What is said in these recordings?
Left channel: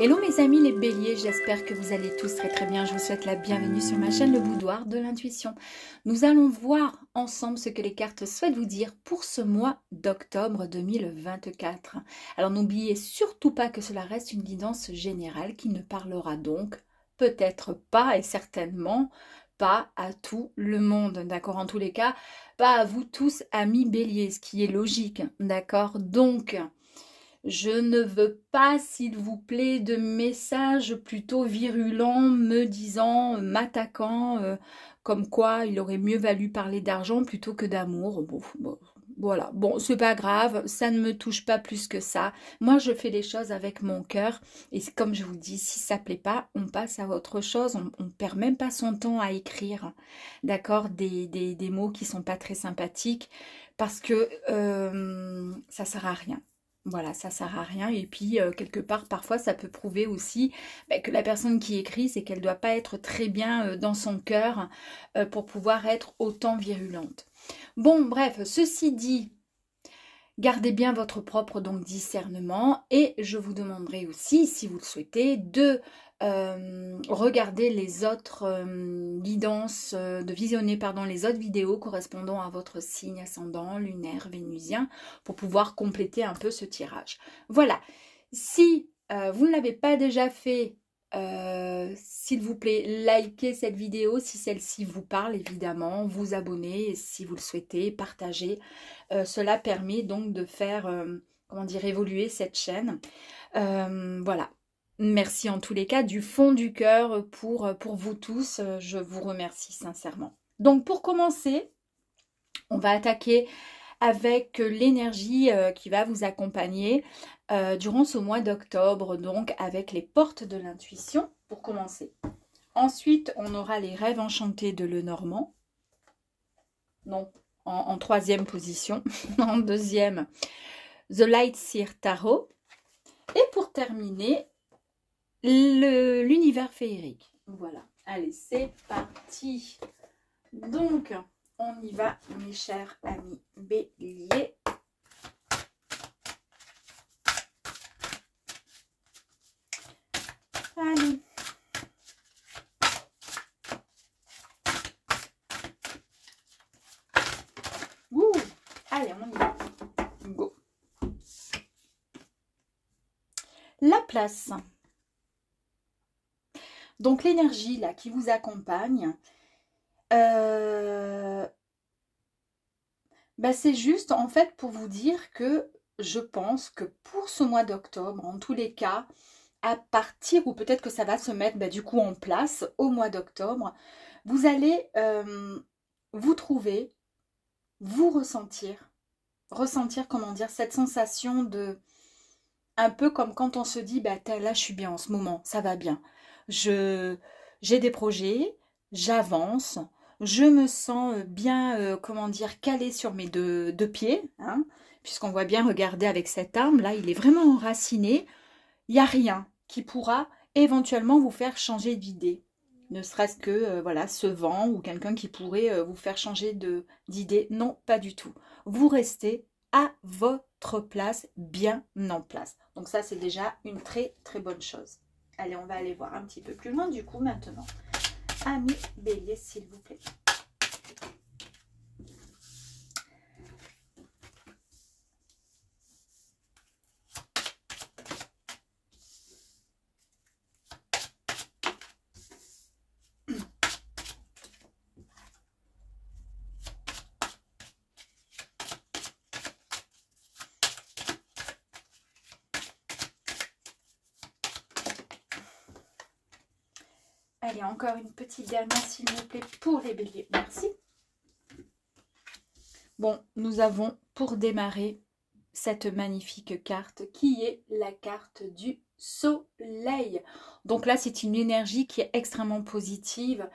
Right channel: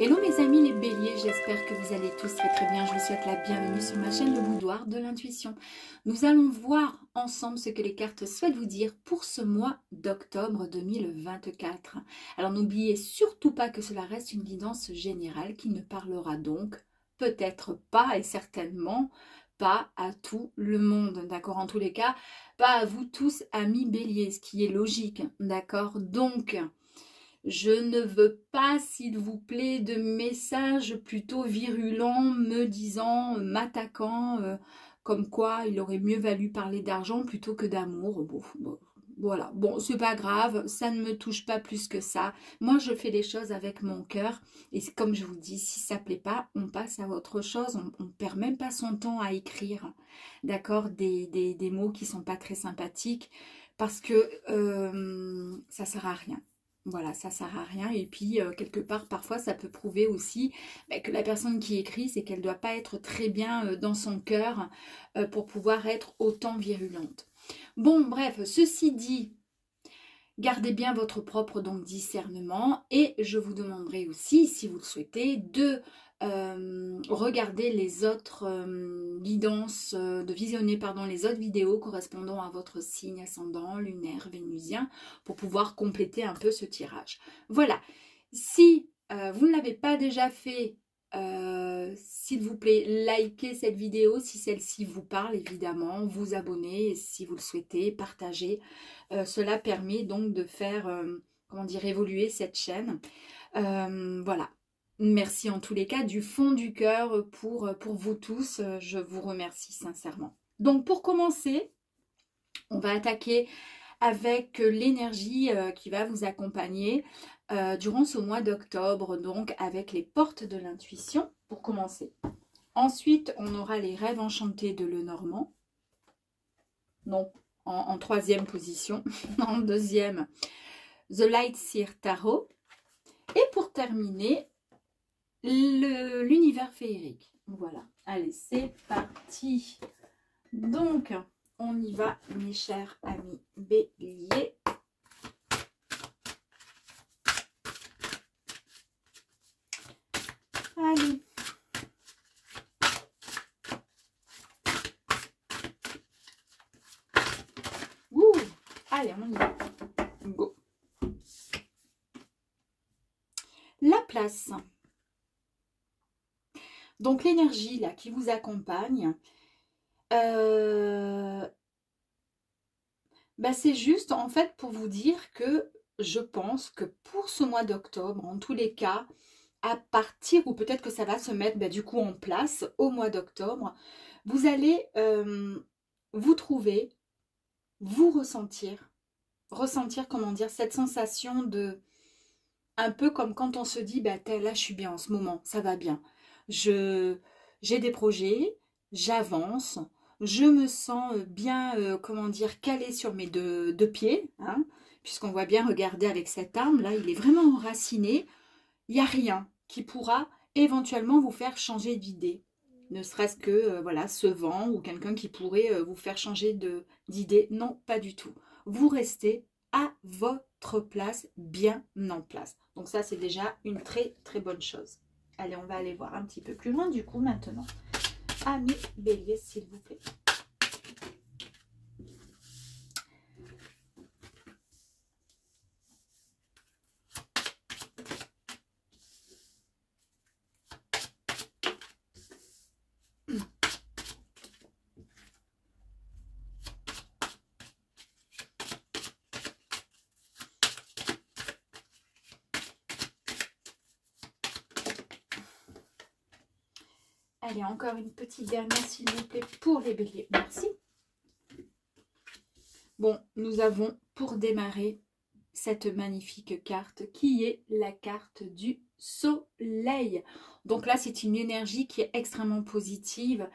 Hello mes amis les béliers, j'espère que vous allez tous très très bien. Je vous souhaite la bienvenue sur ma chaîne Le Boudoir de l'intuition. Nous allons voir ensemble ce que les cartes souhaitent vous dire pour ce mois d'octobre 2024. Alors n'oubliez surtout pas que cela reste une guidance générale qui ne parlera donc peut-être pas et certainement pas à tout le monde, d'accord? En tous les cas, pas à vous tous amis béliers, ce qui est logique, d'accord? Donc... je ne veux pas, s'il vous plaît, de messages plutôt virulents me disant, m'attaquant, comme quoi il aurait mieux valu parler d'argent plutôt que d'amour. Bon, voilà, bon, c'est pas grave, ça ne me touche pas plus que ça. Moi, je fais les choses avec mon cœur. Et comme je vous dis, si ça ne plaît pas, on passe à autre chose. On ne perd même pas son temps à écrire, d'accord, des mots qui ne sont pas très sympathiques parce que ça ne sert à rien. Voilà, ça sert à rien. Et puis, quelque part, parfois, ça peut prouver aussi que la personne qui écrit, c'est qu'elle ne doit pas être très bien dans son cœur pour pouvoir être autant virulente. Bon, bref, ceci dit, gardez bien votre propre donc, discernement et je vous demanderai aussi, si vous le souhaitez, de regarder les autres guidances, de visionner pardon, les autres vidéos correspondant à votre signe ascendant, lunaire, vénusien, pour pouvoir compléter un peu ce tirage. Voilà, si vous ne l'avez pas déjà fait, s'il vous plaît, likez cette vidéo si celle-ci vous parle, évidemment, vous abonnez si vous le souhaitez, partagez. Cela permet donc de faire, comment dire, évoluer cette chaîne. Voilà. Merci en tous les cas du fond du cœur pour vous tous. Je vous remercie sincèrement. Donc pour commencer, on va attaquer avec l'énergie qui va vous accompagner durant ce mois d'octobre, donc avec les portes de l'intuition pour commencer. Ensuite, on aura les rêves enchantés de Lenormand. Non, en troisième position. En deuxième, The Light Seer Tarot. Et pour terminer, l'univers féerique. Voilà, allez, c'est parti. Donc, on y va, mes chers amis béliers. Allez. Ouh, allez, on y va. Go. La place. Donc l'énergie là qui vous accompagne, c'est juste en fait pour vous dire que je pense que pour ce mois d'octobre, en tous les cas, à partir, ou peut-être que ça va se mettre du coup en place au mois d'octobre, vous allez vous trouver, vous ressentir, comment dire, cette sensation de, un peu comme quand on se dit, là je suis bien en ce moment, ça va bien. J'ai des projets, j'avance, je me sens bien, comment dire, calée sur mes deux pieds, hein, puisqu'on voit bien, regarder avec cette arme, là, il est vraiment enraciné. Il n'y a rien qui pourra éventuellement vous faire changer d'idée. Ne serait-ce que, voilà, ce vent ou quelqu'un qui pourrait vous faire changer d'idée. Non, pas du tout. Vous restez à votre place, bien en place. Donc ça, c'est déjà une très, très bonne chose. Allez, on va aller voir un petit peu plus loin du coup maintenant. Amis bélier, s'il vous plaît. Allez, encore une petite dernière, s'il vous plaît, pour les béliers. Merci. Bon, nous avons pour démarrer cette magnifique carte qui est la carte du soleil. Donc là, c'est une énergie qui est extrêmement positive,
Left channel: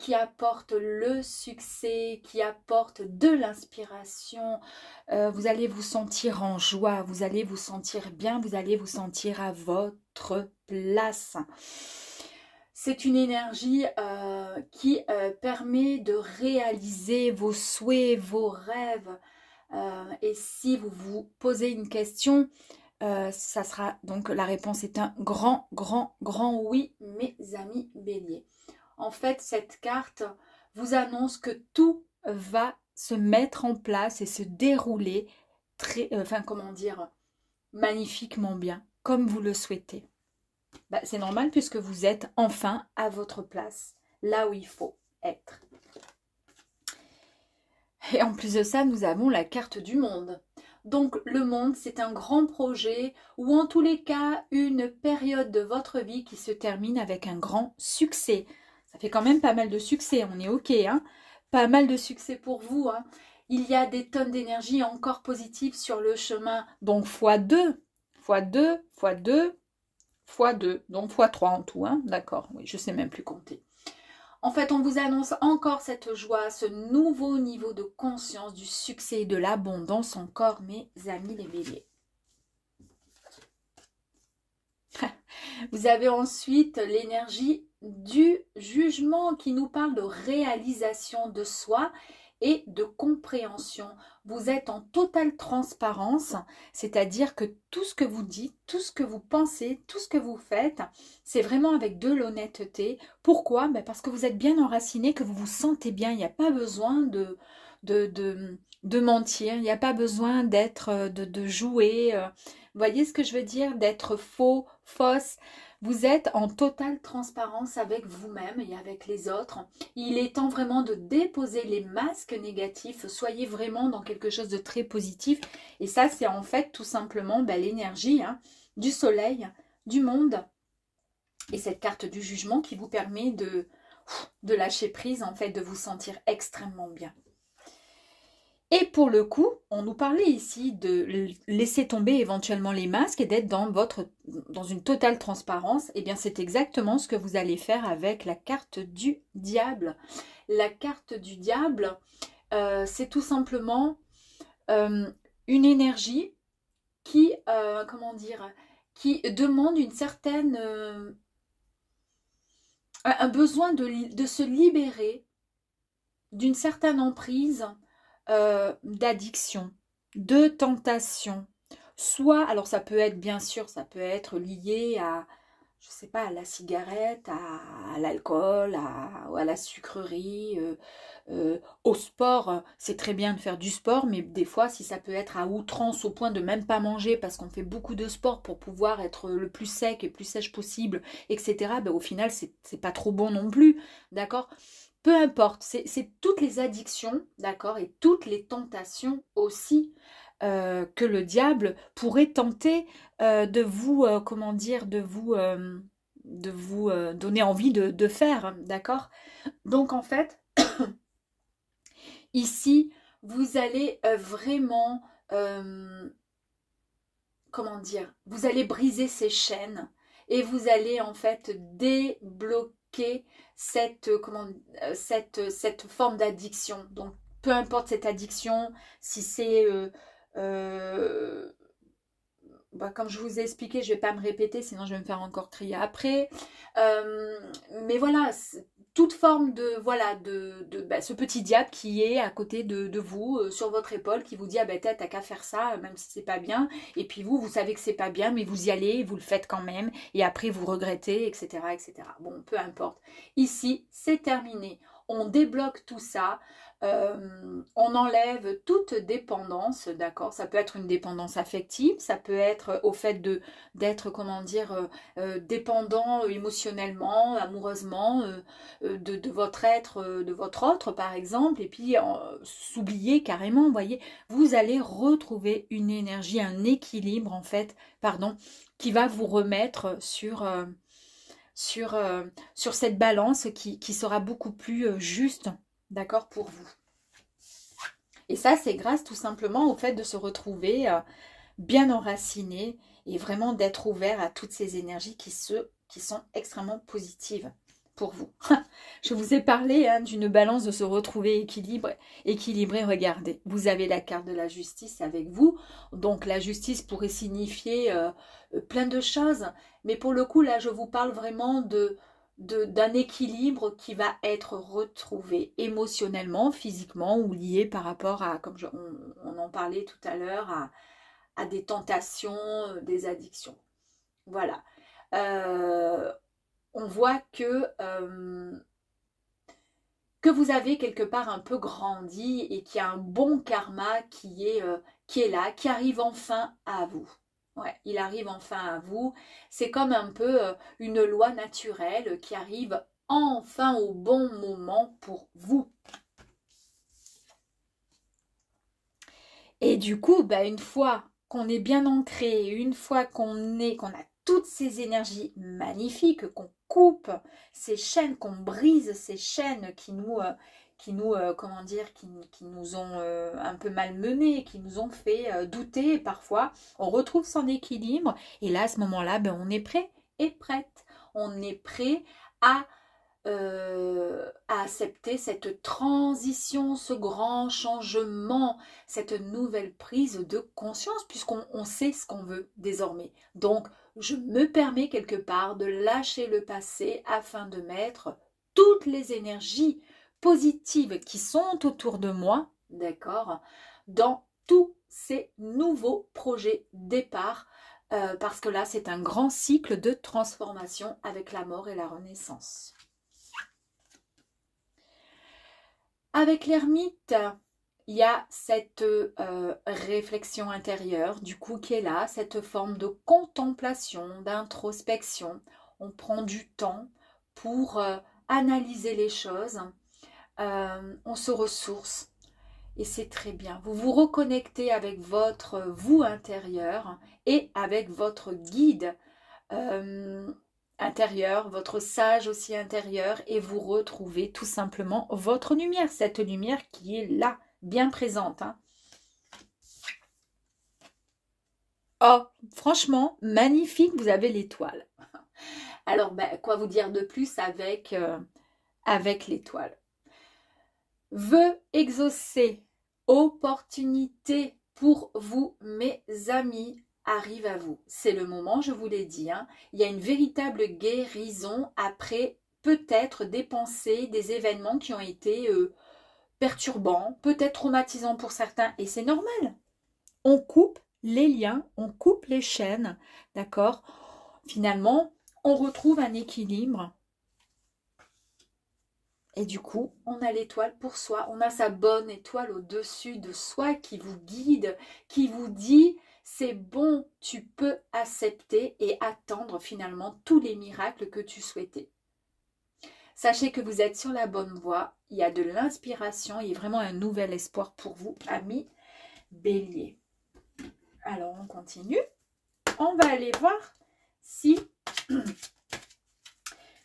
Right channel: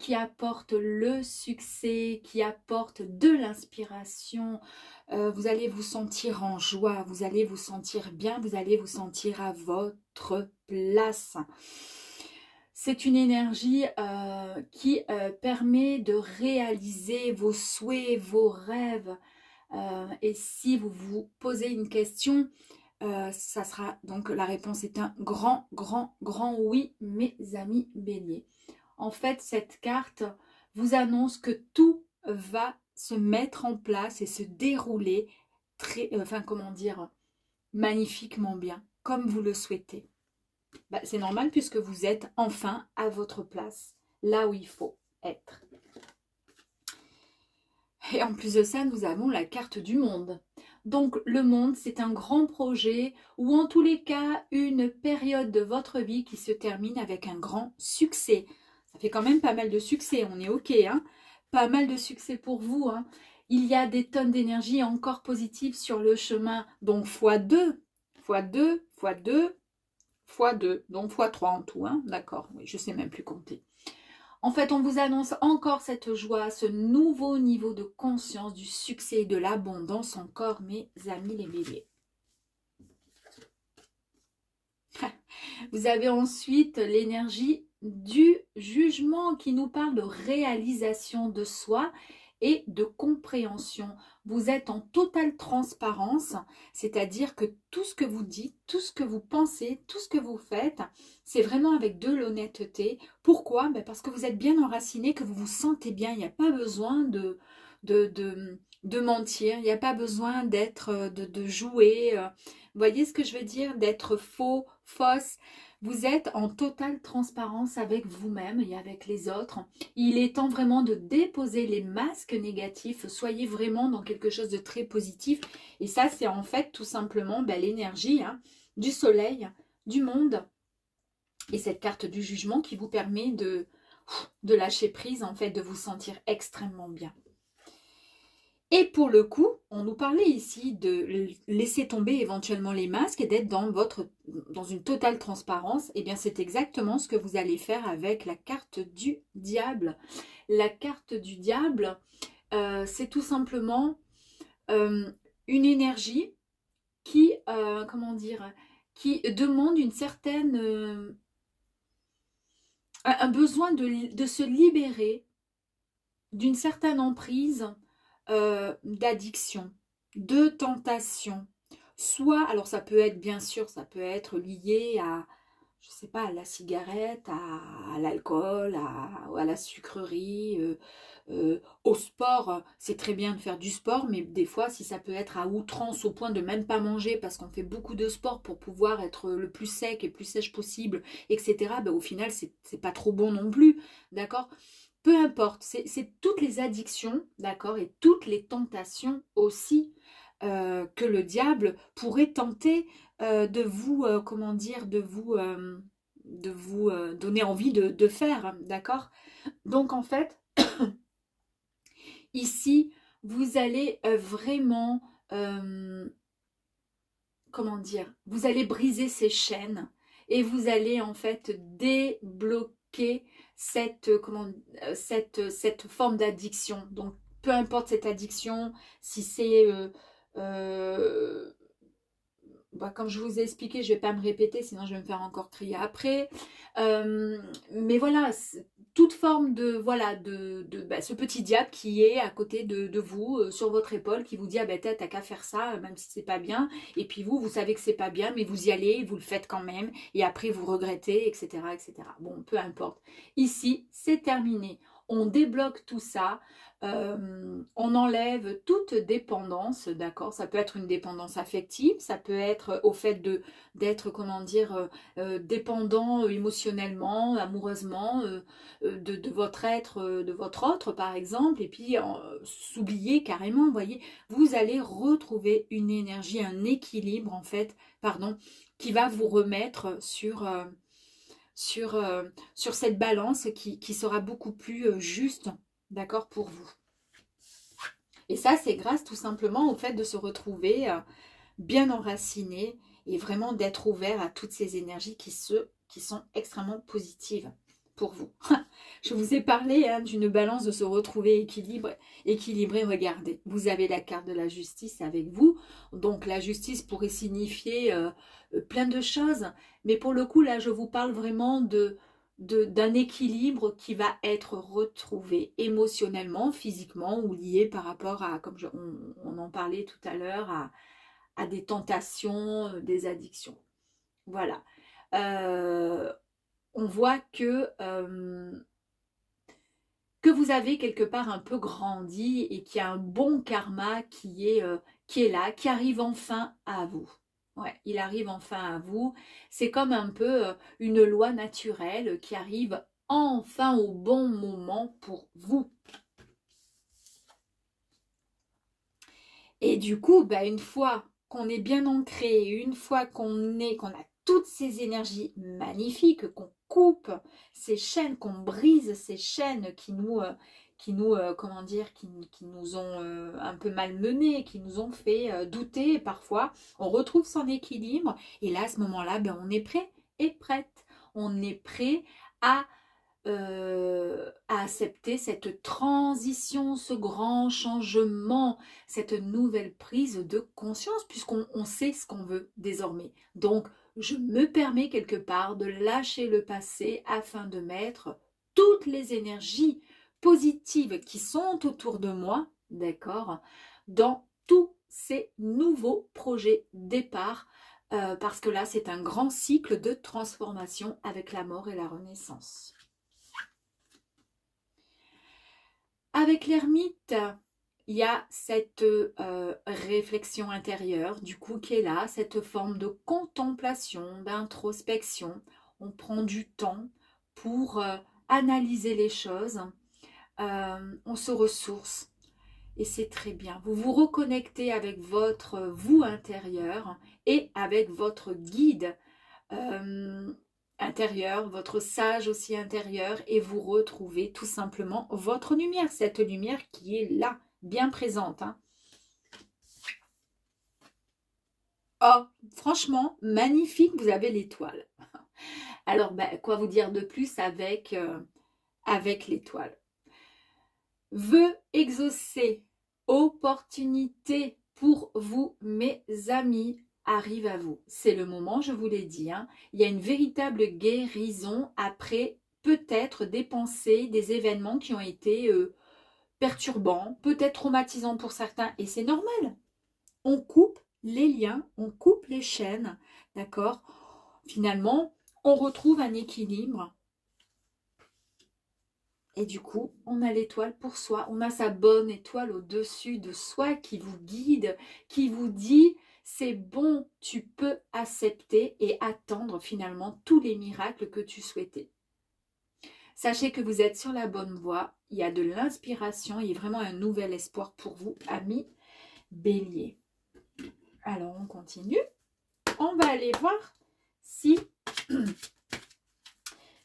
qui apporte le succès, qui apporte de l'inspiration. Vous allez vous sentir en joie, vous allez vous sentir bien, vous allez vous sentir à votre place. C'est une énergie qui permet de réaliser vos souhaits, vos rêves. Et si vous vous posez une question, Ça sera donc la réponse est un grand, grand, grand oui, mes amis béliers. En fait, cette carte vous annonce que tout va se mettre en place et se dérouler très, enfin comment dire, magnifiquement bien, comme vous le souhaitez. Bah, c'est normal puisque vous êtes enfin à votre place, là où il faut être. Et en plus de ça, nous avons la carte du monde. Donc le monde, c'est un grand projet ou en tous les cas, une période de votre vie qui se termine avec un grand succès. Ça fait quand même pas mal de succès, on est OK, hein? Pas mal de succès pour vous, hein? Il y a des tonnes d'énergie encore positive sur le chemin. Donc x2, x2, x2, x2, donc x3 en tout, hein? D'accord, oui, je ne sais même plus compter. En fait, on vous annonce encore cette joie, ce nouveau niveau de conscience du succès et de l'abondance encore, mes amis les béliers. Vous avez ensuite l'énergie du jugement qui nous parle de réalisation de soi et de compréhension. Vous êtes en totale transparence, c'est-à-dire que tout ce que vous dites, tout ce que vous pensez, tout ce que vous faites, c'est vraiment avec de l'honnêteté. Pourquoi? Parce que vous êtes bien enraciné, que vous vous sentez bien. Il n'y a pas besoin de mentir, il n'y a pas besoin d'être, de jouer. Vous voyez ce que je veux dire? D'être faux, fausse. Vous êtes en totale transparence avec vous-même et avec les autres. Il est temps vraiment de déposer les masques négatifs. Soyez vraiment dans quelque chose de très positif. Et ça, c'est en fait tout simplement l'énergie du soleil, du monde. Et cette carte du jugement qui vous permet de lâcher prise, en fait, de vous sentir extrêmement bien. Et pour le coup, on nous parlait ici de laisser tomber éventuellement les masques et d'être dans une totale transparence. Et bien, c'est exactement ce que vous allez faire avec la carte du diable. La carte du diable, c'est tout simplement une énergie qui, qui demande une certaine... un besoin de se libérer d'une certaine emprise d'addiction, de tentation. Soit, alors ça peut être bien sûr, ça peut être lié à, je sais pas, à la cigarette, à l'alcool, à la sucrerie, au sport. C'est très bien de faire du sport, mais des fois, si ça peut être à outrance au point de même pas manger parce qu'on fait beaucoup de sport pour pouvoir être le plus sec et plus sèche possible, etc., au final, c'est pas trop bon non plus, d'accord? Peu importe, c'est toutes les addictions, d'accord, et toutes les tentations aussi que le diable pourrait tenter de vous, de vous donner envie de faire, d'accord? Donc en fait, ici, vous allez vraiment, vous allez briser ces chaînes et vous allez en fait débloquer cette forme d'addiction. Donc, peu importe cette addiction, si c'est... comme je vous ai expliqué, je ne vais pas me répéter, sinon je vais me faire encore crier après. Mais voilà, toute forme de ce petit diable qui est à côté de vous, sur votre épaule, qui vous dit ah ben t'as qu'à faire ça, même si c'est pas bien. Et puis vous savez que c'est pas bien, mais vous y allez, vous le faites quand même, et après vous regrettez, etc., etc. Bon, peu importe. Ici, c'est terminé. On débloque tout ça. On enlève toute dépendance, d'accord? Ça peut être une dépendance affective, ça peut être au fait d'être, dépendant émotionnellement, amoureusement de votre être, de votre autre par exemple, et puis s'oublier carrément, vous voyez, vous allez retrouver une énergie, un équilibre en fait, pardon, qui va vous remettre sur cette balance qui sera beaucoup plus juste, d'accord, pour vous. Et ça, c'est grâce tout simplement au fait de se retrouver bien enraciné et vraiment d'être ouvert à toutes ces énergies qui sont extrêmement positives pour vous. Je vous ai parlé d'une balance de se retrouver équilibré. Regardez, vous avez la carte de la justice avec vous. Donc la justice pourrait signifier plein de choses. Mais pour le coup, là, je vous parle vraiment d'un équilibre qui va être retrouvé émotionnellement, physiquement ou lié par rapport à, comme on en parlait tout à l'heure, à des tentations, des addictions. Voilà. On voit que vous avez quelque part un peu grandi et qu'il y a un bon karma qui est là, qui arrive enfin à vous. Ouais, il arrive enfin à vous. C'est comme un peu une loi naturelle qui arrive enfin au bon moment pour vous. Et du coup, bah, une fois qu'on est bien ancré, une fois qu'on a toutes ces énergies magnifiques, qu'on coupe ces chaînes, qu'on brise ces chaînes comment dire, qui nous ont un peu malmenés, qui nous ont fait douter parfois, on retrouve son équilibre. Et là, à ce moment-là, ben, on est prêt et prête. On est prêt à accepter cette transition, ce grand changement, cette nouvelle prise de conscience, puisqu'on sait ce qu'on veut désormais. Donc, je me permets quelque part de lâcher le passé afin de mettre toutes les énergies positives qui sont autour de moi, d'accord, dans tous ces nouveaux projets départ, parce que là, c'est un grand cycle de transformation avec la mort et la renaissance. Avec l'ermite, il y a cette réflexion intérieure, du coup, qui est là, cette forme de contemplation, d'introspection. On prend du temps pour analyser les choses, on se ressource et c'est très bien. Vous vous reconnectez avec votre vous intérieur et avec votre guide intérieur, votre sage aussi intérieur, et vous retrouvez tout simplement votre lumière, cette lumière qui est là, bien présente. Hein. Oh, franchement, magnifique, vous avez l'étoile. Alors, ben, quoi vous dire de plus avec l'étoile? Vœux exaucés, opportunité pour vous, mes amis, arrive à vous. C'est le moment, je vous l'ai dit. Hein. Il y a une véritable guérison après peut-être des pensées, des événements qui ont été perturbants, peut-être traumatisants pour certains, et c'est normal. On coupe les liens, on coupe les chaînes, d'accord? Finalement, on retrouve un équilibre. Et du coup, on a l'étoile pour soi. On a sa bonne étoile au-dessus de soi qui vous guide, qui vous dit c'est bon, tu peux accepter et attendre finalement tous les miracles que tu souhaitais. Sachez que vous êtes sur la bonne voie. Il y a de l'inspiration. Il y a vraiment un nouvel espoir pour vous, amis Bélier. Alors, on continue. On va aller voir si...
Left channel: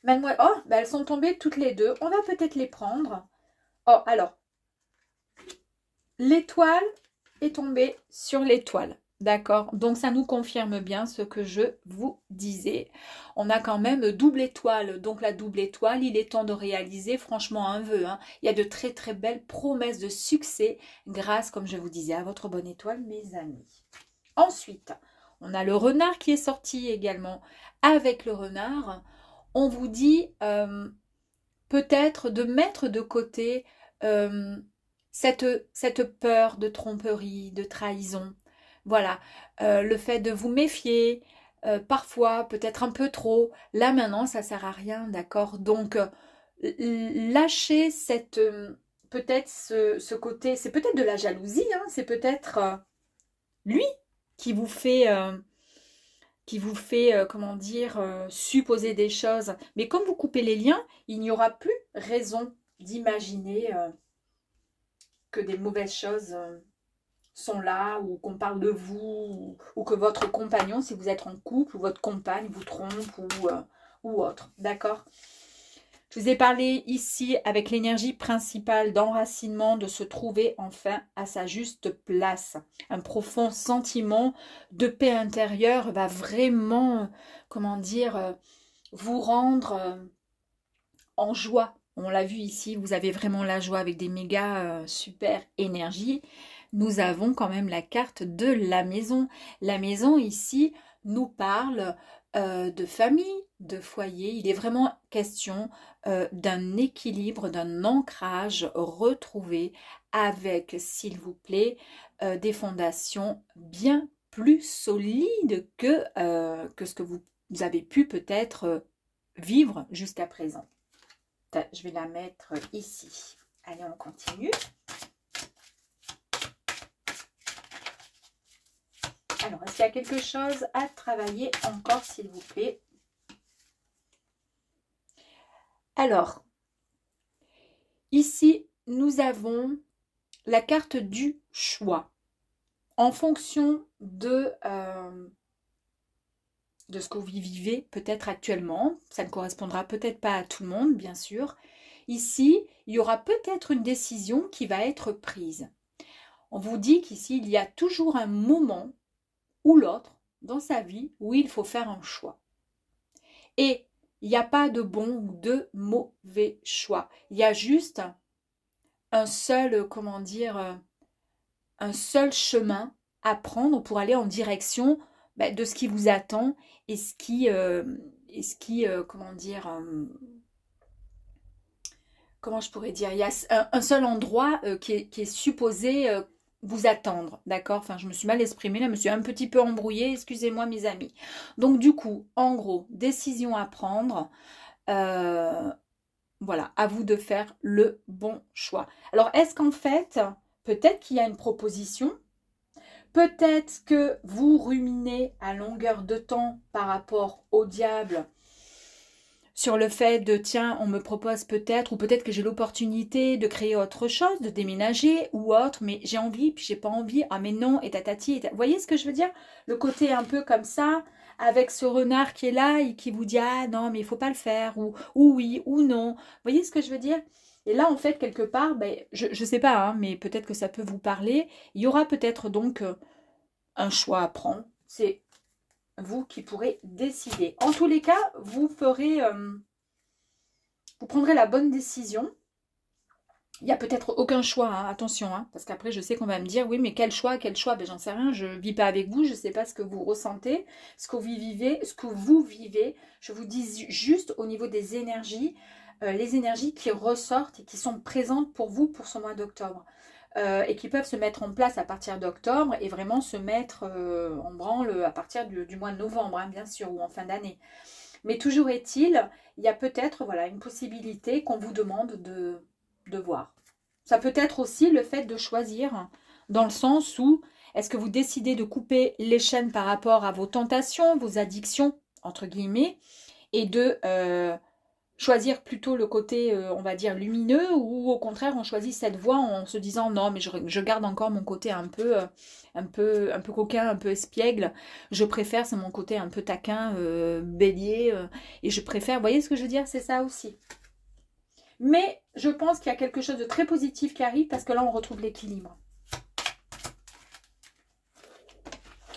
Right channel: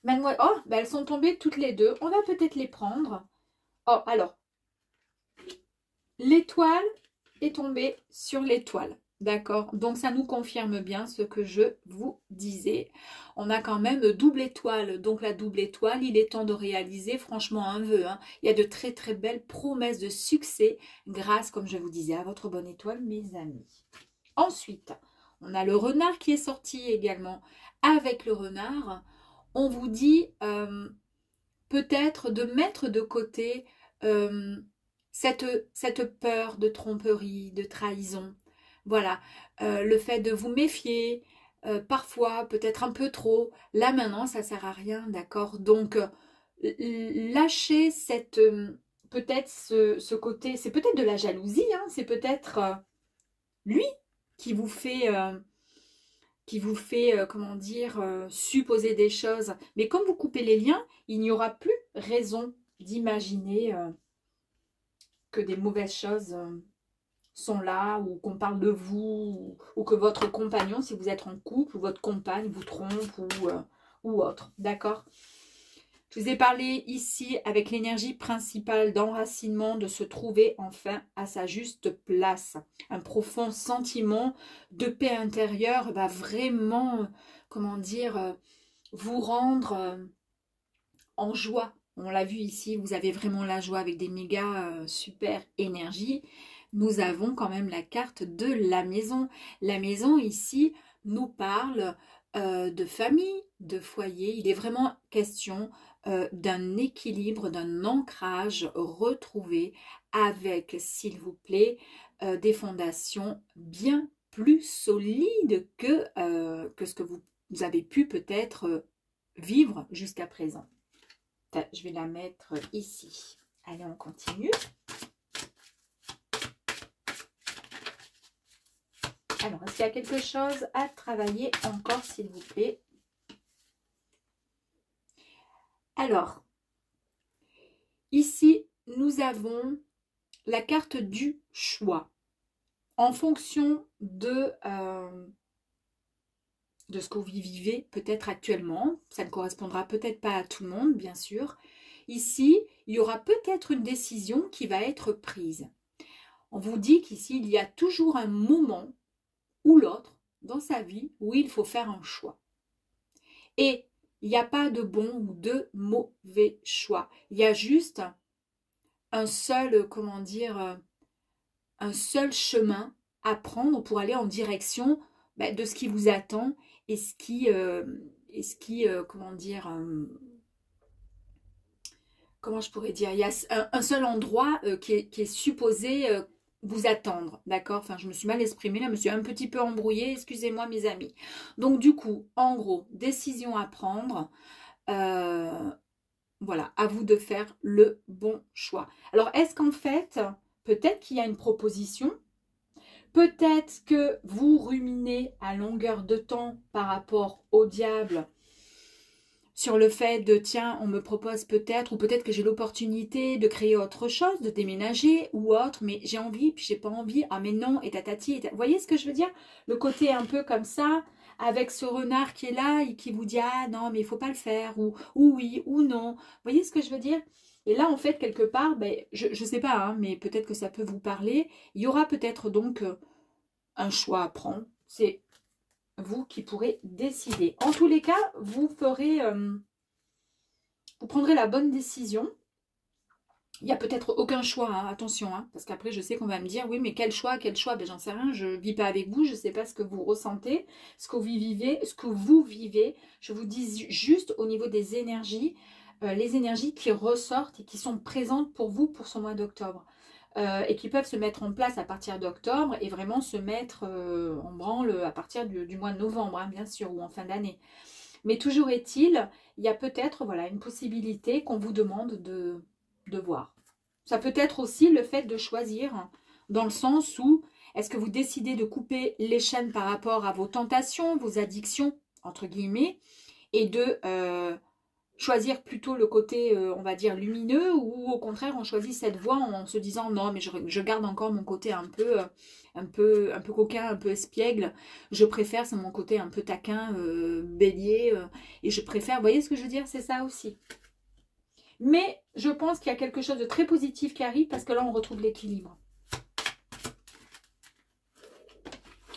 Mademoiselle... Oh, ben elles sont tombées toutes les deux. On va peut-être les prendre. Oh, alors. L'étoile est tombée sur l'étoile. D'accord? Donc, ça nous confirme bien ce que je vous disais. On a quand même double étoile. Donc, la double étoile, il est temps de réaliser franchement un vœu. Hein. Il y a de très, très belles promesses de succès grâce, comme je vous disais, à votre bonne étoile, mes amis. Ensuite, on a le renard qui est sorti également. Avec le renard, on vous dit peut-être de mettre de côté cette peur de tromperie, de trahison. Voilà, le fait de vous méfier, parfois peut-être un peu trop. Là maintenant, ça ne sert à rien, d'accord? Donc, lâchez cette peut-être ce côté, c'est peut-être de la jalousie, hein, c'est peut-être lui qui vous fait comment dire, supposer des choses. Mais comme vous coupez les liens, il n'y aura plus raison d'imaginer que des mauvaises choses sont là, ou qu'on parle de vous, ou que votre compagnon, si vous êtes en couple, ou votre compagne vous trompe, ou autre. D'accord ? Je vous ai parlé ici avec l'énergie principale d'enracinement, de se trouver enfin à sa juste place. Un profond sentiment de paix intérieure va vraiment, comment dire, vous rendre en joie. On l'a vu ici, vous avez vraiment la joie avec des méga super énergies. Nous avons quand même la carte de la maison. La maison ici nous parle de famille, de foyer. Il est vraiment question d'un équilibre, d'un ancrage retrouvé avec, s'il vous plaît, des fondations bien plus solide que ce que vous avez pu peut-être vivre jusqu'à présent. Je vais la mettre ici. Allez, on continue. Alors, est-ce qu'il y a quelque chose à travailler encore, s'il vous plaît? Alors, ici, nous avons la carte du choix. En fonction de ce que vous vivez peut-être actuellement, ça ne correspondra peut-être pas à tout le monde, bien sûr. Ici, il y aura peut-être une décision qui va être prise. On vous dit qu'ici, il y a toujours un moment ou l'autre dans sa vie où il faut faire un choix. Et il n'y a pas de bon ou de mauvais choix. Il y a juste un seul, comment dire, un seul chemin à prendre pour aller en direction de ce qui vous attend et ce qui comment dire, comment je pourrais dire, il y a un seul endroit qui est supposé vous attendre, d'accord? Enfin, je me suis mal exprimée, là, je me suis un petit peu embrouillée, excusez-moi mes amis. Donc du coup, en gros, décision à prendre, voilà, à vous de faire le bon choix. Alors, est-ce qu'en fait, peut-être qu'il y a une proposition, peut-être que vous ruminez à longueur de temps par rapport au diable sur le fait de, tiens, on me propose peut-être, ou peut-être que j'ai l'opportunité de créer autre chose, de déménager ou autre, mais j'ai envie, puis j'ai pas envie, ah mais non, et tatati, vous voyez ce que je veux dire? Le côté un peu comme ça, avec ce renard qui est là et qui vous dit, ah non, mais il faut pas le faire, ou oui, ou non, vous voyez ce que je veux dire? Et là, en fait, quelque part, je ne sais pas, hein, mais peut-être que ça peut vous parler, il y aura peut-être donc un choix à prendre, c'est vous qui pourrez décider. En tous les cas, vous ferez, vous prendrez la bonne décision. Il n'y a peut-être aucun choix, hein, attention, hein, parce qu'après je sais qu'on va me dire, oui mais quel choix, j'en sais rien, je ne vis pas avec vous, je ne sais pas ce que vous ressentez, ce que vous vivez, je vous dis juste au niveau des énergies, les énergies qui ressortent et qui sont présentes pour vous pour ce mois d'octobre. Et qui peuvent se mettre en place à partir d'octobre et vraiment se mettre en branle à partir du mois de novembre, hein, bien sûr, ou en fin d'année. Mais toujours est-il, il y a peut-être voilà, une possibilité qu'on vous demande de voir. Ça peut être aussi le fait de choisir, dans le sens où est-ce que vous décidez de couper les chaînes par rapport à vos tentations, vos addictions, entre guillemets, et de choisir plutôt le côté, on va dire, lumineux, ou au contraire, on choisit cette voie en se disant, non, mais je garde encore mon côté un peu coquin, un peu espiègle. Je préfère, c'est mon côté un peu taquin, bélier, et je préfère, vous voyez ce que je veux dire? C'est ça aussi. Mais je pense qu'il y a quelque chose de très positif qui arrive, parce que là, on retrouve l'équilibre.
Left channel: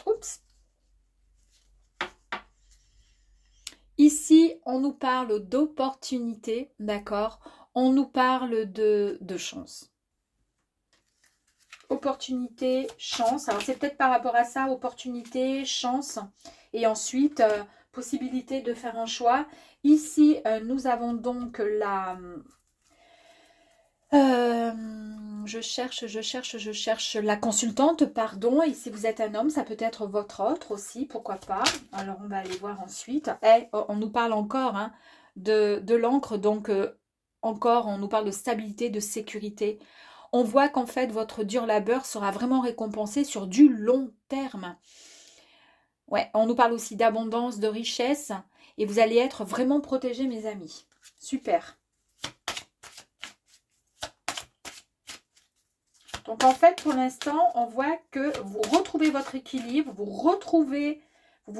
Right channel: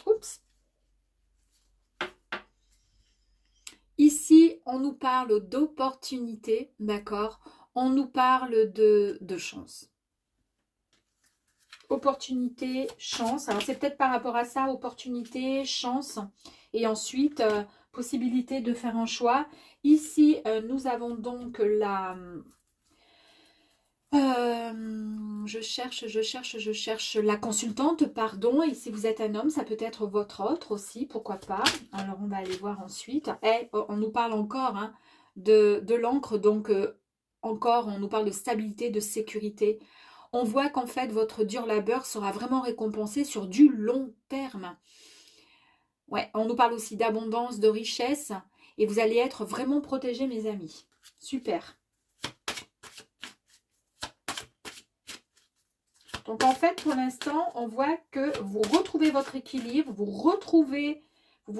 Oups. Ici, on nous parle d'opportunité, d'accord? On nous parle de chance. Opportunité, chance. Alors, c'est peut-être par rapport à ça, opportunité, chance. Et ensuite, possibilité de faire un choix. Ici, nous avons donc la... je cherche la consultante, pardon. Et si vous êtes un homme, ça peut être votre autre aussi, pourquoi pas. Alors, on va aller voir ensuite. Et on nous parle encore hein, de l'encre, donc encore, on nous parle de stabilité, de sécurité. On voit qu'en fait, votre dur labeur sera vraiment récompensé sur du long terme. Ouais, on nous parle aussi d'abondance, de richesse. Et vous allez être vraiment protégés, mes amis. Super. Donc, en fait, pour l'instant, on voit que vous retrouvez votre équilibre, vous vous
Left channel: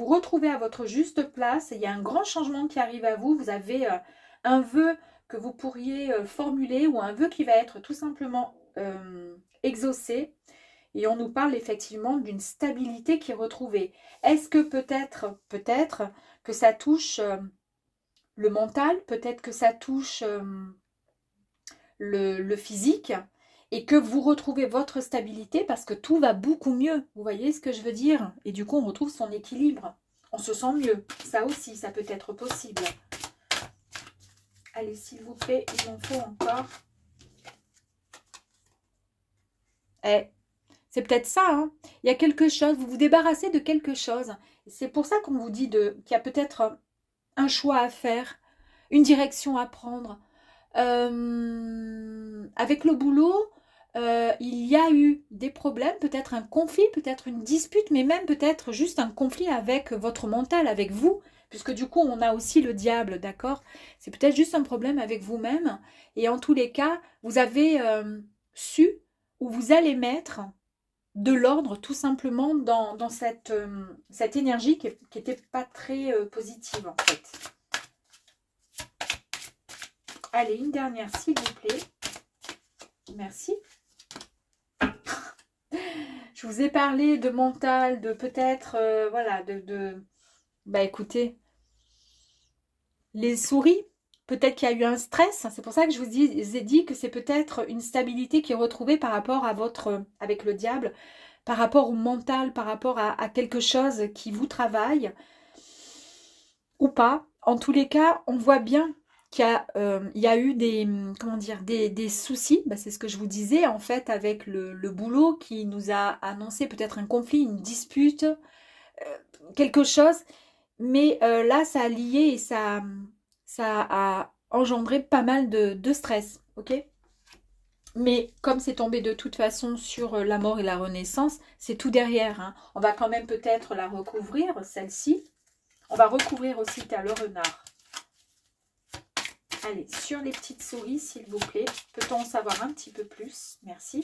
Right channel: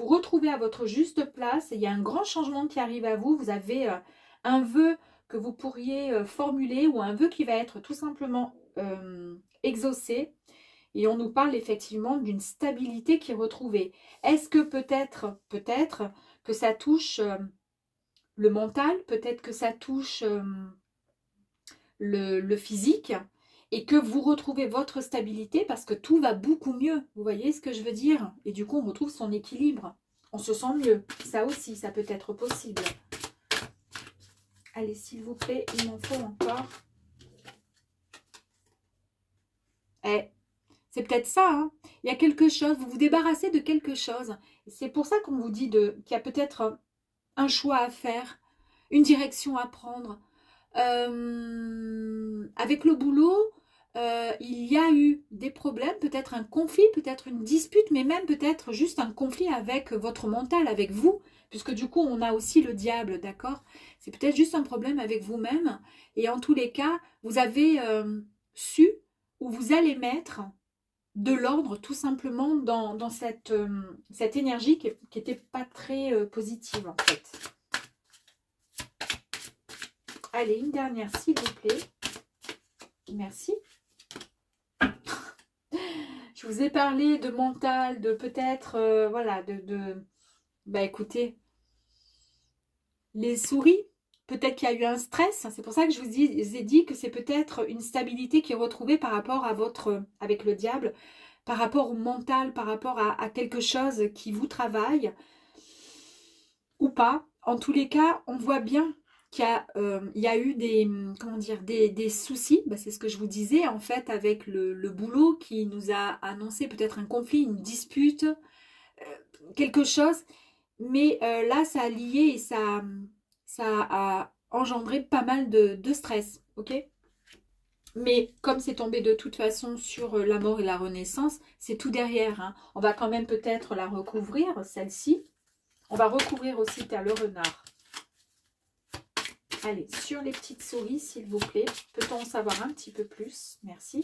retrouvez à votre juste place. Il y a un grand changement qui arrive à vous. Vous avez un vœu que vous pourriez formuler ou un vœu qui va être tout simplement exaucé. Et on nous parle effectivement d'une stabilité qui est retrouvée. Est-ce que peut-être que ça touche le mental, peut-être que ça touche le physique et que vous retrouvez votre stabilité parce que tout va beaucoup mieux. Vous voyez ce que je veux dire? Et du coup, on retrouve son équilibre. On se sent mieux. Ça aussi, ça peut être possible. Allez, s'il vous plaît, il m'en faut encore. C'est peut-être ça, hein. Il y a quelque chose, vous vous débarrassez de quelque chose. C'est pour ça qu'on vous dit qu'il y a peut-être un choix à faire, une direction à prendre. Avec le boulot, il y a eu des problèmes, peut-être un conflit, peut-être une dispute, mais même peut-être juste un conflit avec votre mental, avec vous, puisque du coup, on a aussi le diable, d'accord? C'est peut-être juste un problème avec vous-même, et en tous les cas, vous avez su où vous allez mettre de l'ordre tout simplement dans cette énergie qui n'était pas très positive en fait. Allez, une dernière s'il vous plaît. Merci. Je vous ai parlé de mental, de peut-être, voilà, bah écoutez, les souris, peut-être qu'il y a eu un stress. C'est pour ça que je vous ai dit que c'est peut-être une stabilité qui est retrouvée par rapport à avec le diable, par rapport au mental, par rapport à quelque chose qui vous travaille, ou pas. En tous les cas, on voit bien qu'il y a eu comment dire, des soucis, bah, c'est ce que je vous disais, en fait, avec le boulot qui nous a annoncé peut-être un conflit, une dispute, quelque chose. Mais là, ça a lié et ça a engendré pas mal de stress, ok? Mais comme c'est tombé de toute façon sur la mort et la renaissance, c'est tout derrière, hein. On va quand même peut-être la recouvrir, celle-ci. On va recouvrir aussi le renard. Allez, sur les petites souris, s'il vous plaît. Peut-on en savoir un petit peu plus? Merci.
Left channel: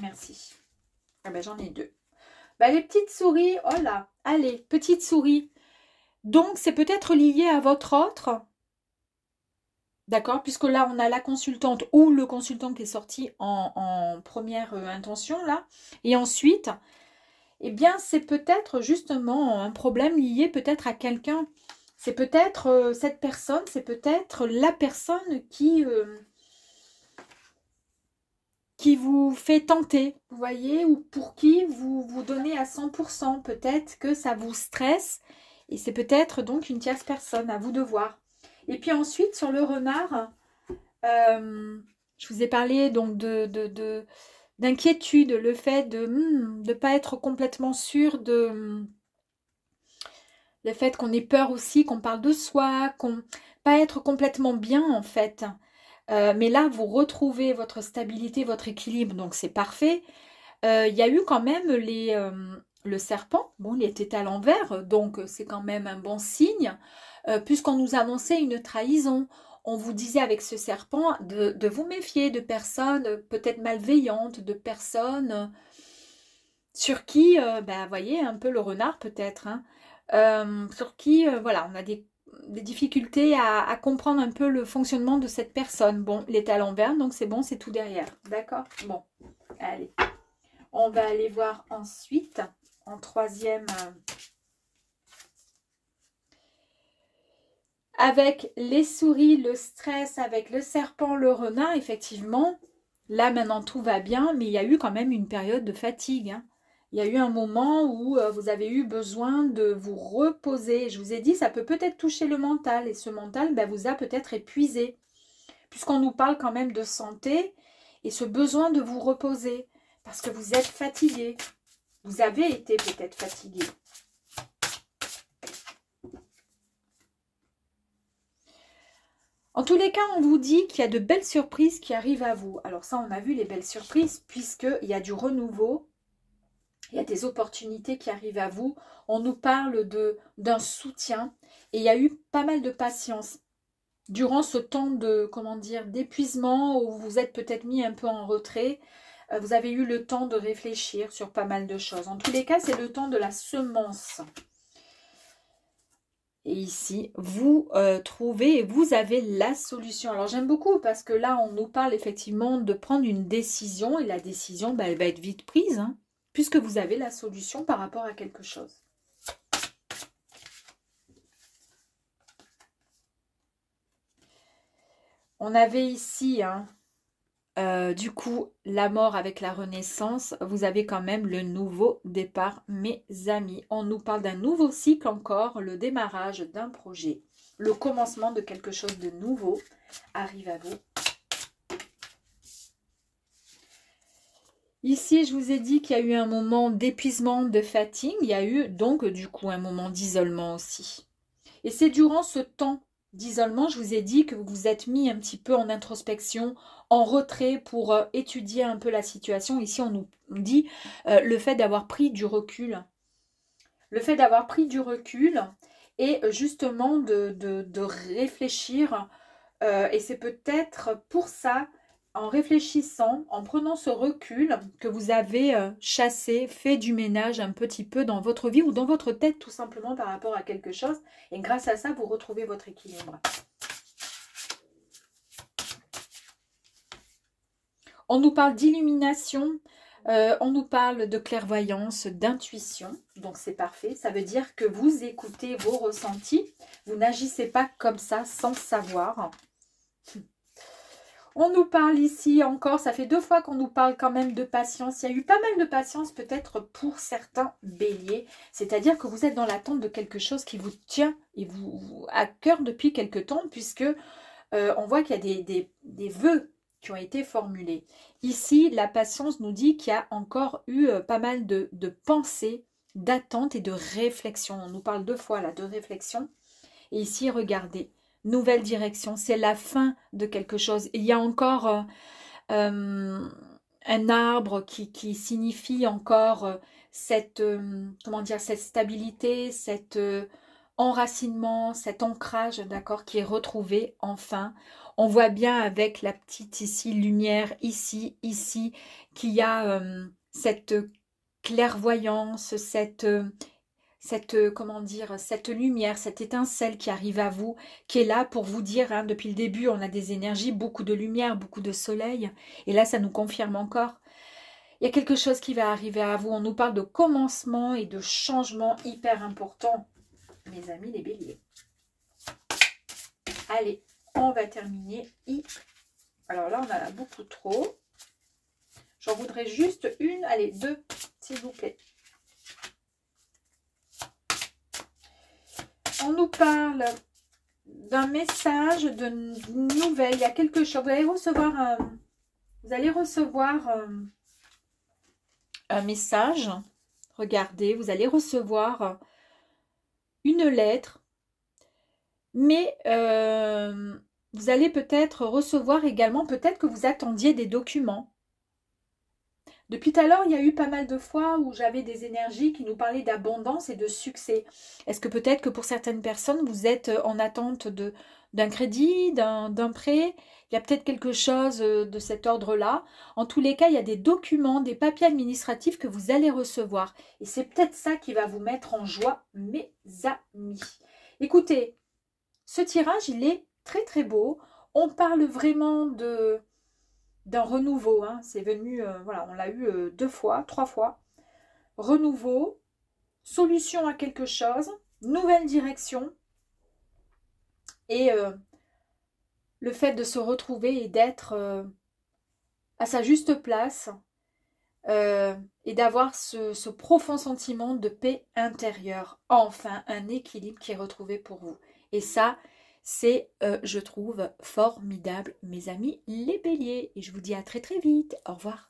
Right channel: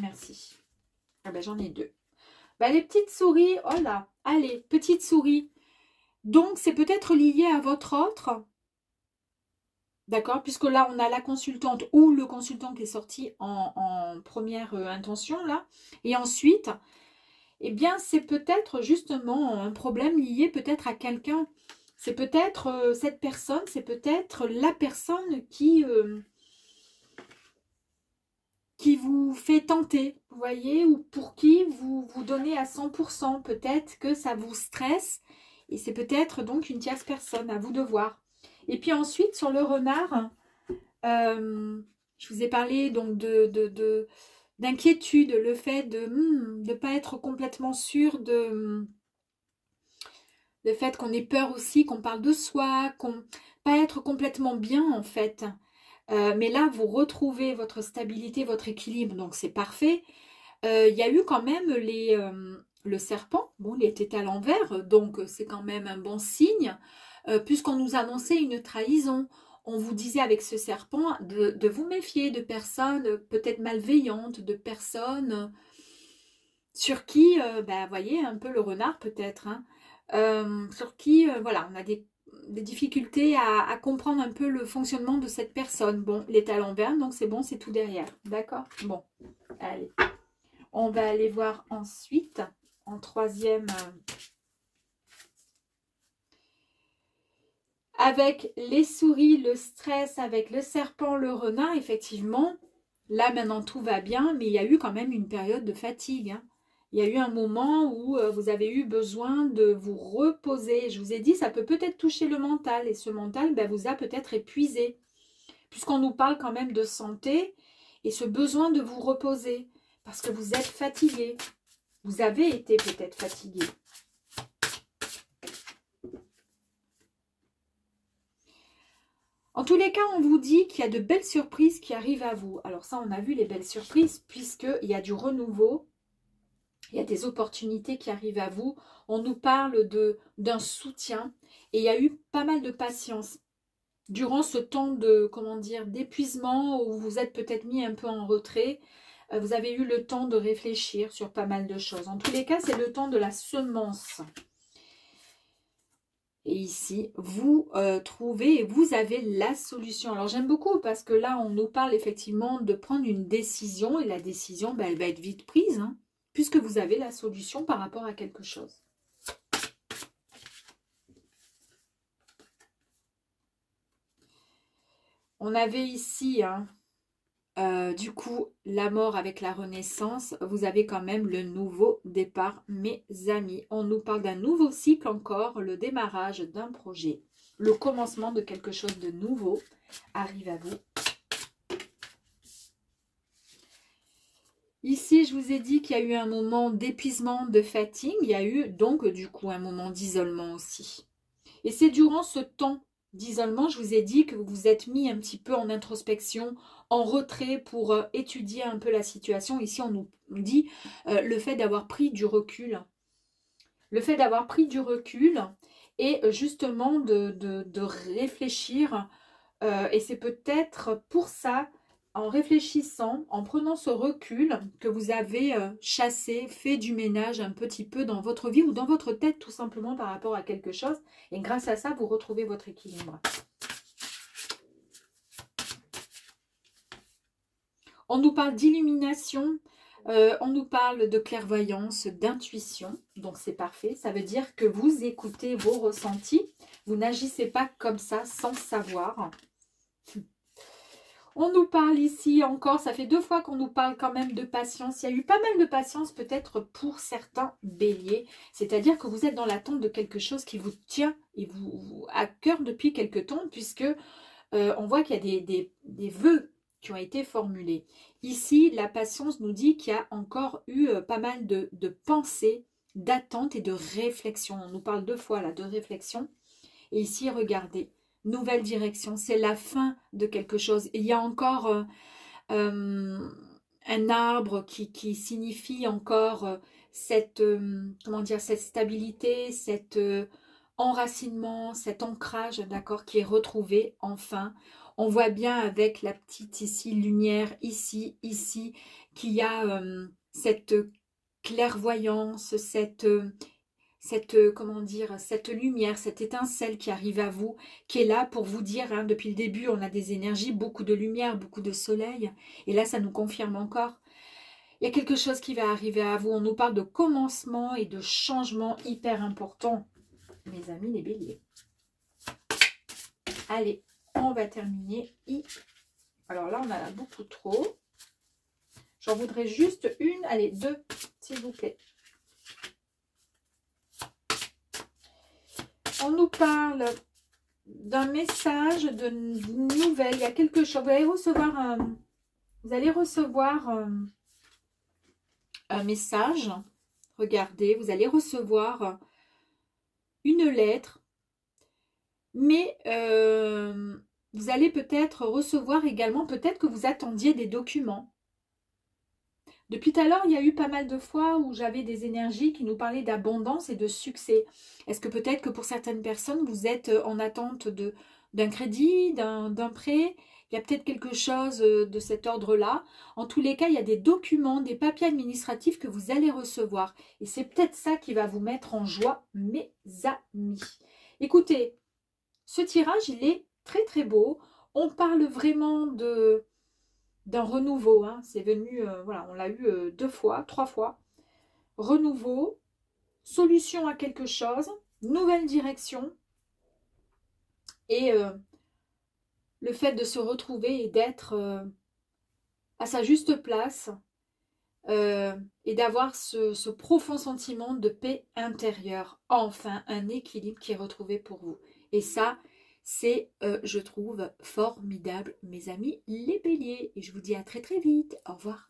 Merci. Ah ben, j'en ai deux. Ben, les petites souris, oh là, allez, petites souris. Donc, c'est peut-être lié à votre autre. D'accord? Puisque là, on a la consultante ou le consultant qui est sorti en première intention, là. Et ensuite, eh bien, c'est peut-être justement un problème lié peut-être à quelqu'un. C'est peut-être cette personne, c'est peut-être la personne qui vous fait tenter, vous voyez, ou pour qui vous vous donnez à 100%. Peut-être que ça vous stresse et c'est peut-être donc une tierce personne, à vous de voir. Et puis ensuite, sur le renard, je vous ai parlé donc d'inquiétude, le fait de ne pas être complètement sûr le fait qu'on ait peur aussi, qu'on parle de soi, qu'on pas être complètement bien en fait. Mais là, vous retrouvez votre stabilité, votre équilibre, donc c'est parfait. Il y a eu quand même le serpent, bon, il était à l'envers, donc c'est quand même un bon signe, puisqu'on nous annonçait une trahison. On vous disait avec ce serpent de vous méfier de personnes peut-être malveillantes, de personnes sur qui, ben, voyez, un peu le renard peut-être, hein, sur qui, voilà, on a des difficultés à comprendre un peu le fonctionnement de cette personne. Bon, il est à l'envers, donc c'est bon, c'est tout derrière. D'accord? Bon, allez. On va aller voir ensuite, en troisième, avec les souris, le stress, avec le serpent, le renard, effectivement, là maintenant tout va bien, mais il y a eu quand même une période de fatigue, hein. Il y a eu un moment où vous avez eu besoin de vous reposer. Je vous ai dit, ça peut peut-être toucher le mental. Et ce mental ben, vous a peut-être épuisé. Puisqu'on nous parle quand même de santé et ce besoin de vous reposer. Parce que vous êtes fatigué. Vous avez été peut-être fatigué. En tous les cas, on vous dit qu'il y a de belles surprises qui arrivent à vous. Alors ça, on a vu les belles surprises puisqu'il y a du renouveau. Il y a des opportunités qui arrivent à vous. On nous parle d'un soutien. Et il y a eu pas mal de patience. Durant ce temps de, comment dire, d'épuisement où vous êtes peut-être mis un peu en retrait, vous avez eu le temps de réfléchir sur pas mal de choses. En tous les cas, c'est le temps de la semence. Et ici, vous trouvez et vous avez la solution. Alors, j'aime beaucoup parce que là, on nous parle effectivement de prendre une décision. Et la décision, ben, elle va être vite prise, hein, puisque vous avez la solution par rapport à quelque chose. On avait ici, hein, du coup, la mort avec la renaissance. Vous avez quand même le nouveau départ, mes amis. On nous parle d'un nouveau cycle encore, le démarrage d'un projet. Le commencement de quelque chose de nouveau arrive à vous. Ici, je vous ai dit qu'il y a eu un moment d'épuisement, de fatigue. Il y a eu donc du coup un moment d'isolement aussi. Et c'est durant ce temps d'isolement, je vous ai dit que vous vous êtes mis un petit peu en introspection, en retrait pour étudier un peu la situation. Ici, on nous dit le fait d'avoir pris du recul. Le fait d'avoir pris du recul et justement de réfléchir. Et c'est peut-être pour ça, en réfléchissant, en prenant ce recul, que vous avez chassé, fait du ménage un petit peu dans votre vie ou dans votre tête tout simplement par rapport à quelque chose. Et grâce à ça, vous retrouvez votre équilibre. On nous parle d'illumination, on nous parle de clairvoyance, d'intuition. Donc c'est parfait, ça veut dire que vous écoutez vos ressentis. Vous n'agissez pas comme ça sans savoir. On nous parle ici encore, ça fait 2 fois qu'on nous parle quand même de patience. Il y a eu pas mal de patience peut-être pour certains béliers. C'est-à-dire que vous êtes dans l'attente de quelque chose qui vous tient et vous à cœur depuis quelque temps, puisque on voit qu'il y a des vœux qui ont été formulés. Ici, la patience nous dit qu'il y a encore eu pas mal de pensées, d'attentes et de réflexions. On nous parle 2 fois là de réflexion. Et ici, regardez. Nouvelle direction, c'est la fin de quelque chose. Il y a encore un arbre qui signifie encore cette, comment dire, cette stabilité, cet enracinement, cet ancrage, d'accord, qui est retrouvé enfin. On voit bien avec la petite ici lumière, ici, qu'il y a cette clairvoyance, comment dire, cette lumière, cette étincelle qui arrive à vous, qui est là pour vous dire, hein, depuis le début, on a des énergies, beaucoup de lumière, beaucoup de soleil. Et là, ça nous confirme encore. Il y a quelque chose qui va arriver à vous. On nous parle de commencement et de changement hyper important, mes amis les béliers. Allez, on va terminer. Alors là, on en a beaucoup trop. J'en voudrais juste une, allez, 2, s'il vous plaît. On nous parle d'un message, de nouvelles. Il y a quelque chose. Vous allez recevoir un message. Regardez, vous allez recevoir une lettre. Mais vous allez peut-être recevoir également, peut-être que vous attendiez des documents. Depuis tout à l'heure, il y a eu pas mal de fois où j'avais des énergies qui nous parlaient d'abondance et de succès. Est-ce que peut-être que pour certaines personnes, vous êtes en attente d'un crédit, d'un prêt? Il y a peut-être quelque chose de cet ordre-là. En tous les cas, il y a des documents, des papiers administratifs que vous allez recevoir. Et c'est peut-être ça qui va vous mettre en joie, mes amis. Écoutez, ce tirage, il est très très beau. On parle vraiment d'un renouveau, hein. C'est venu, voilà, on l'a eu 2 fois, 3 fois. Renouveau, solution à quelque chose, nouvelle direction. Et le fait de se retrouver et d'être à sa juste place et d'avoir ce profond sentiment de paix intérieure. Enfin, un équilibre qui est retrouvé pour vous. Et ça, c'est, je trouve, formidable, mes amis les béliers. Et je vous dis à très très vite. Au revoir.